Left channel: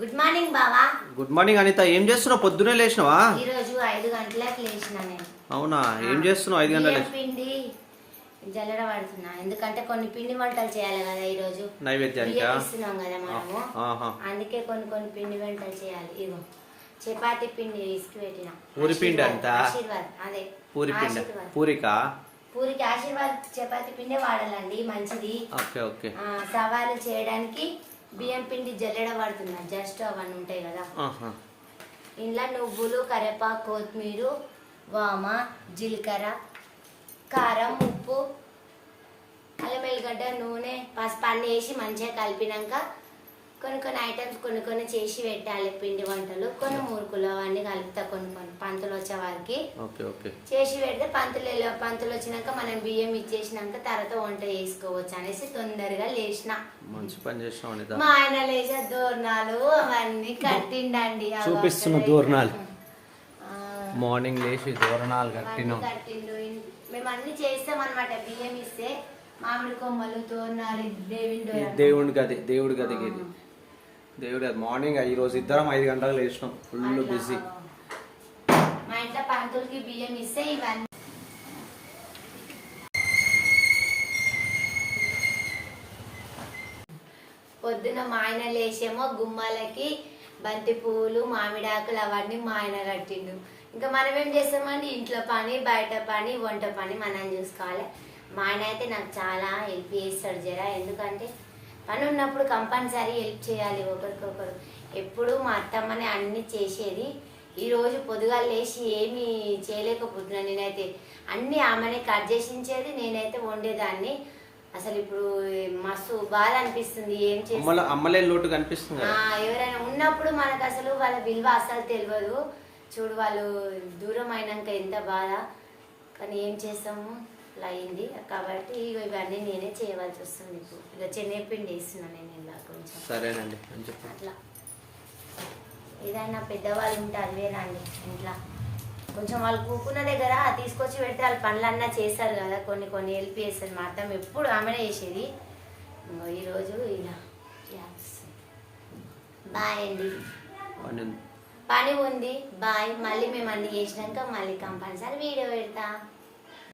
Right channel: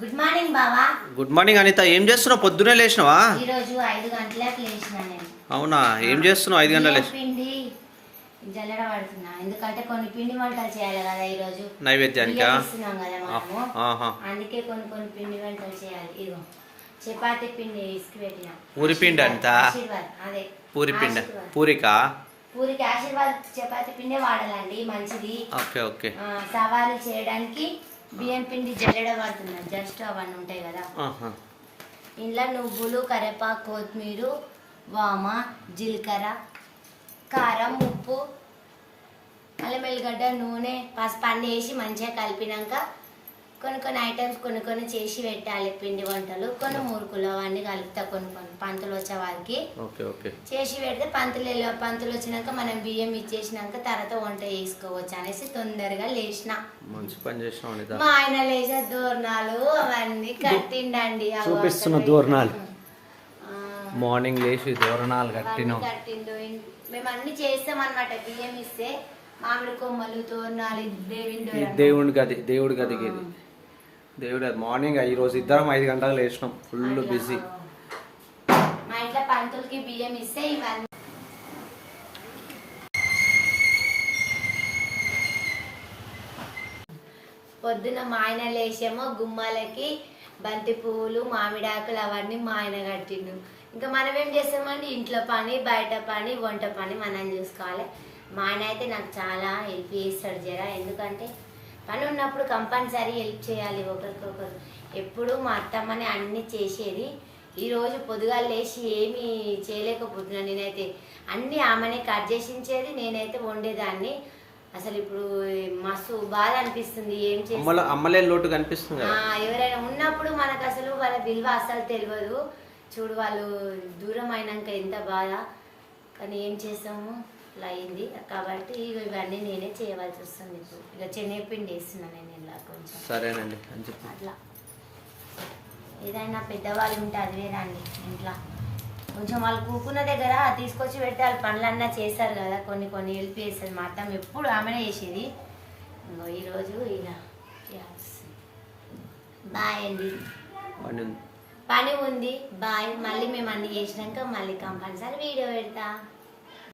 Good morning బావా. Good morning Anitha. ఏం చేస్తున్నావు? పొద్దునే లేచినావా? ఈ రోజు 5 గంటలకు లేచిన నేను. అవునా? ఏం చేస్తున్నావు 5 గంటలకు లేచి? పిండి జల్లెడ పడుతున్నా, ఎందుకంటే కొన్ని పిండి వంటలు చేయాలి కదా ఈ రోజు. నైవేద్యానికా? ఇస్తున్నాం కదా మనము. అందుకే కొన్ని పిండి వంటలు చేయాలి. ఇగో చపాతీ పిండి ఇసుకు పెట్టిన. పూరి పిండి అంతా? ఆశీర్వాద్. అదే పూరి పిండి. పూరికా? పూరికి ఆశీర్వాద్ చపాతీ పిండే వాడాలండి, మంచిది. Okay okay. సవాలు చేయడానికి బియ్యం పిండి జల్లెడ పడుతున్నా. జస్ట్ అవన్నీ ఉంటాయి కదా. ఇంట్లో నువ్వులు, కరివేపాకు, కొత్తిమీర, వామ, జీలకర్ర, కారం, ఉప్పు, అల్లం వెల్లిగడ్డ, నూనె, పసుపు అన్నీ వేసి మంచిగా కలిపినాక కొన్ని ఐటమ్స్ కొన్ని చేసి పెట్టాలి. పిండి వంటలు కొన్ని మురుకులు అవన్నీ కలుపుతా కొన్ని పంతులు వచ్చే వారికి చేసి పెడితే పంతులు వచ్చినాక మనం బియ్యం ఇచ్చేసినాక తర్వాత వంట చేసుకోవచ్చు అనేసి తొందరగా లేచిన. మంచి పని చేసినావు. మా ఆయన లేచే దూరణాలు అవన్నీ కట్టిండండి. చూపిస్తున్న దూరణాలు మార్నింగ్ లేచి దూరణాలు కట్టిండు. మేము అన్ని చేస్తాం అన్నమాట. బియ్యం ఇస్తే మామిడి కొమ్మలు, తోరణాలు, దేవుడి గదికి దేవుడు మార్నింగ్. ఈ రోజు ఇద్దరం 5 గంటలకు లేచినాం. Full busy. మా ఇంట్లో పంతులకి బియ్యం ఇస్తే ఇవన్నీ పొద్దున మా ఆయన లేచేమో గుమ్మాలకి బంతి పువ్వులు, మామిడాకులు అవన్నీ మా ఆయన కట్టిండు. ఇంకా మనం ఏం చేస్తామండి, ఇంట్లో పని, బయట పని, వంట పని మనం చూసుకోవాలి. మా ఆయన అయితే నాకు చాలా హెల్ప్ చేస్తాడు జరా. ఎందుకంటే పని ఉన్నప్పుడు కంపల్సరీ హెల్ప్ చేయాలి ఒకరికొకరు. ఎప్పుడు మా అత్తమ్మనే అన్ని చేసేది. ఈరోజు పొద్దుగా లేచి ఏమీ చేయలేకపోతున్నాను. నేనైతే అన్ని ఆమెనే కట్ చేసించేది, నేనైతే వండేదాన్ని. అసలు ఇప్పుడు మస్తు బాధ అనిపిస్తుంది. ఏం చేయాలి, అమ్మలే లోటు కనిపిస్తుంది. ఎవరైనా ఉన్నప్పుడు మనకు అసలు వాళ్ళ విలువ అసలు తెలియదు. చూడు, వాళ్ళు దూరం అయినాక ఎంత బాధ. కానీ ఏం చేస్తాము, అట్లా అయింది. కాబట్టి ఇవన్నీ నేనే చేయవలసి వస్తుంది. ఇప్పుడు ఇలా శనగపిండి వేస్తున్నాను నేను ఇలా కొంచెం. సరేనండి. అట్లా ఏదైనా పెద్దవాళ్ళు ఉంటే అదివేనండి. ఇంట్లో కొంచెం వాళ్ళు కూకున్న దగ్గర తీసుకొచ్చి పెడితే వాళ్ళు పనులన్నా చేస్తారు కదా. కొన్ని హెల్ప్ చేస్తారు. మా అత్తమ్మ ఎప్పుడు ఆమెనే చేసేది. ఈరోజు ఇలా బాయ్ అండి, పని ఉంది. బాయ్. మళ్ళీ మేము అన్ని చేసినాక మళ్ళీ కంపల్సరీ వీడియో పెడతా.